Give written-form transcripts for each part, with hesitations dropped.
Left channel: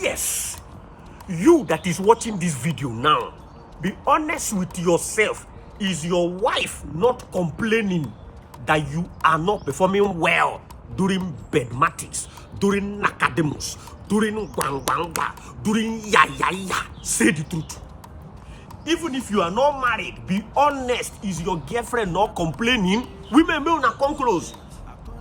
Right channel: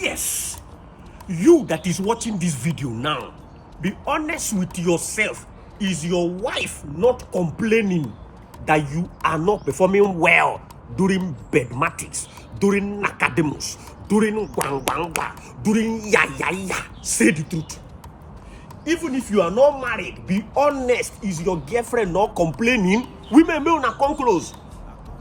Yes, you that is watching this video now, be honest with yourself. Is your wife not complaining that you are not performing well during bedmatics, during academus, during gwangwangwa, during ya? Say the truth. Even if you are not married, be honest. Is your girlfriend not complaining? Women may not come close.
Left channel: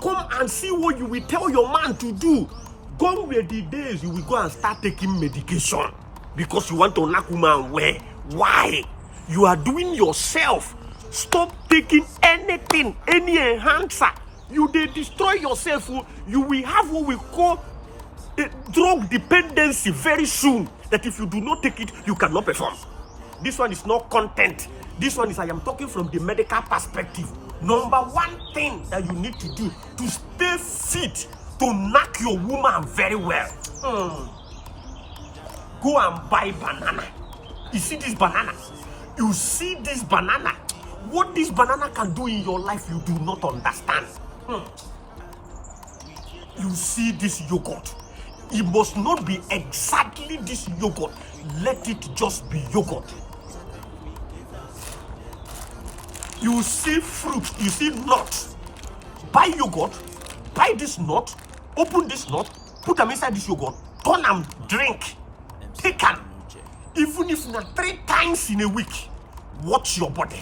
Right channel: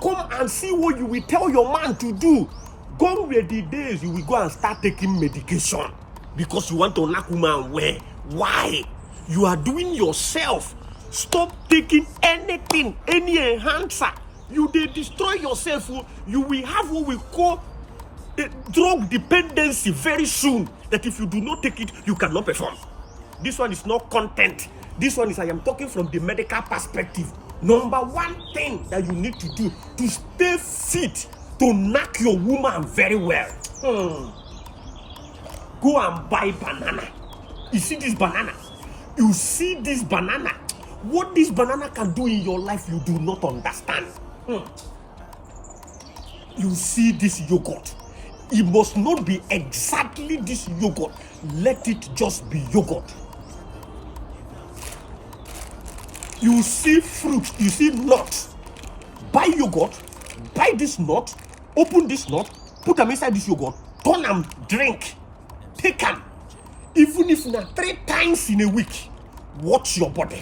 Come and see what you will tell your man to do. Gone were the days you will go and start taking medication because you want to knock woman away. Why? You are doing yourself. Stop taking anything, any enhancer. You they destroy yourself. You will have what we call drug dependency very soon. That if you do not take it, you cannot perform. This one is not content. This one is I am talking from the medical perspective. Number one thing that you need to do to stay fit, to knock your woman very well. Go and buy banana. You see this banana? You see this banana? What this banana can do in your life, you do not understand. You see this yogurt? It must not be exactly this yogurt. Let it just be yogurt. You see fruit, you see nuts. Buy yogurt, buy this nut, open this nut, put them inside this yogurt, turn and drink. Take them. Even if not 3 times in a week, watch your body.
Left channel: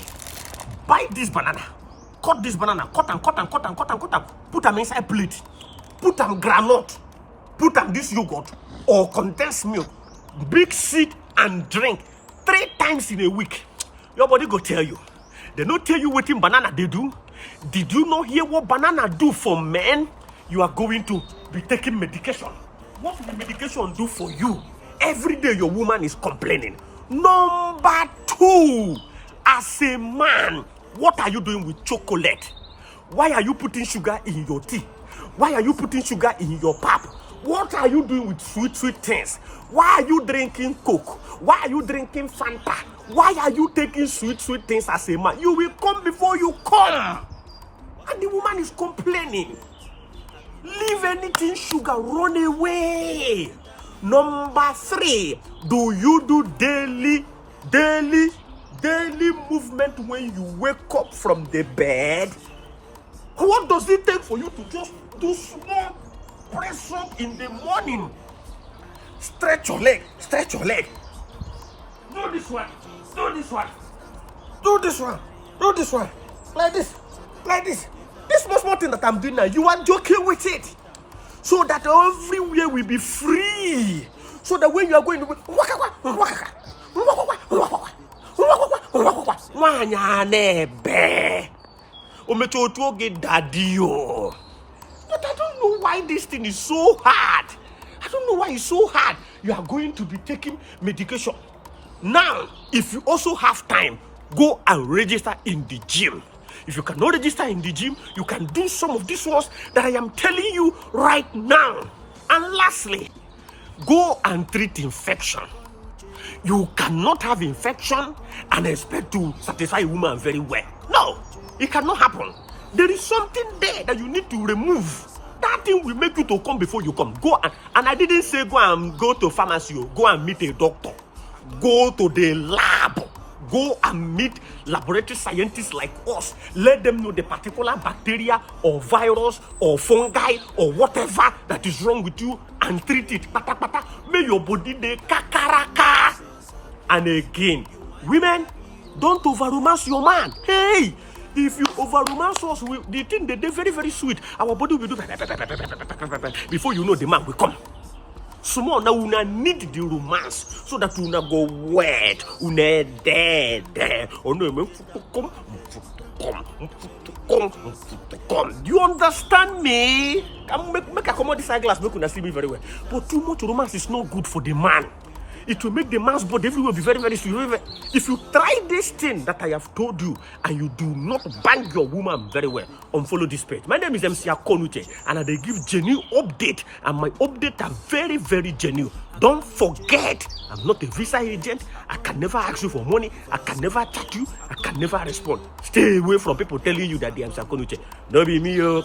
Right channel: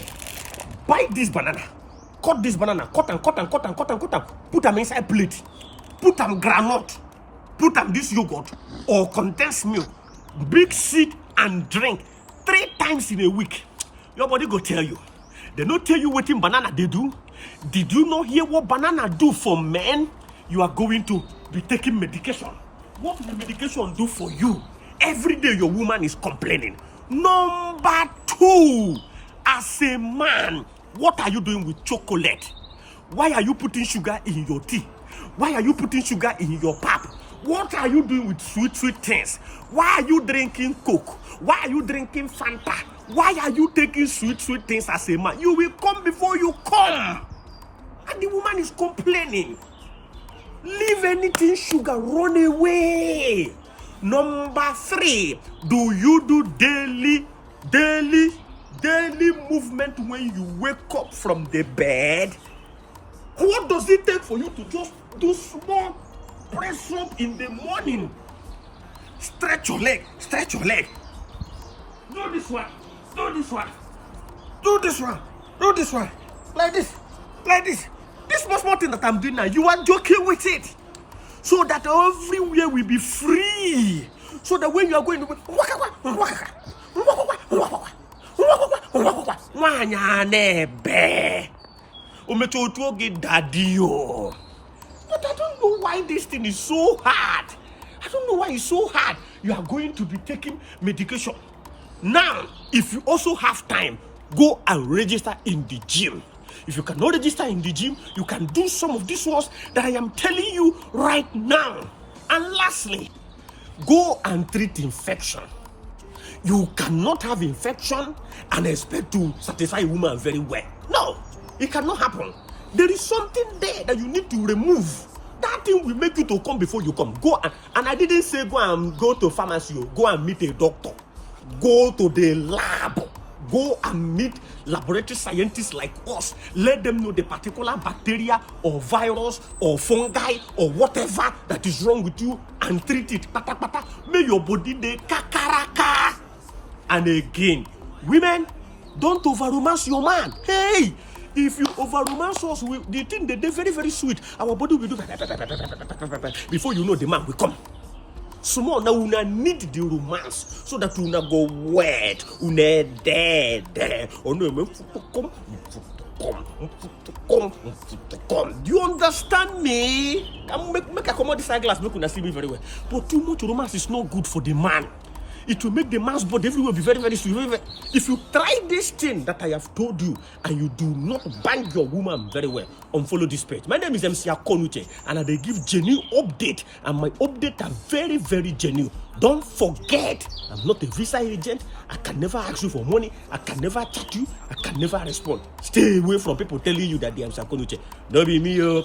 Buy this banana, cut this banana, cut and put them inside plate, put them granite, put them this yogurt or condensed milk, mix it and drink 3 times in a week. Your body go tell you. They not tell you what in banana they do. Did you not hear what banana do for men? You are going to be taking medication. What will medication do for you? Every day your woman is complaining. Number 2, as a man, what are you doing with chocolate? Why are you putting sugar in your tea? Why are you putting sugar in your pap? What are you doing with sweet things? Why are you drinking Coke? Why are you drinking Fanta? Why are you taking sweet things as a man? You will come before you come. And the woman is complaining. Leave anything sugar, run away. Number 3, do you do daily movement when you wake up from the bed? What does it take for you to just do small press up in the morning? Stretch your leg. Do this one. Like this. This small thing that I'm doing now, you are joking with it. So that everywhere will be free. So that when you are going to but I don't know why this thing is so hard. I don't know why it's so hard. You are going to be taking medication. Now, if you also have time, go and register in the gym. If you cannot register in the gym, you can do some of these ones that I am telling you right now. And lastly, go and treat infection. You cannot have infection and expect to satisfy a woman very well. No, it cannot happen. There is something there that you need to remove. That thing will make you to come before you come. Go and I didn't say go to pharmacy, go and meet a doctor. Go to the lab. Go and meet laboratory scientists like us. Let them know the particular bacteria or virus or fungi or whatever that is wrong with you and treat it. May your body de kakaraka. And again, women, don't over-romance your man. Hey, if you over-romance us, the thing they're very, very sweet. Our body will do before you know the man will come. Small now una need the romance so that una go wet, una dead. Oh no, come. Do you understand me? Make a commodity side glass, make una see me very well. But too much romance is not good for the man. It will make the man's body everywhere be very, very sweet. If you try this thing that I have told you and you do not bang your woman very well, unfollow this page. My name is MC Akonuche and I give genuine update, and my updates are very, very genuine. Don't forget, I'm not a visa agent. I can never ask you for money. I can never chat you. I can never respond. Stay away from people telling you that they are MC Akonuche. Don't be me, oh.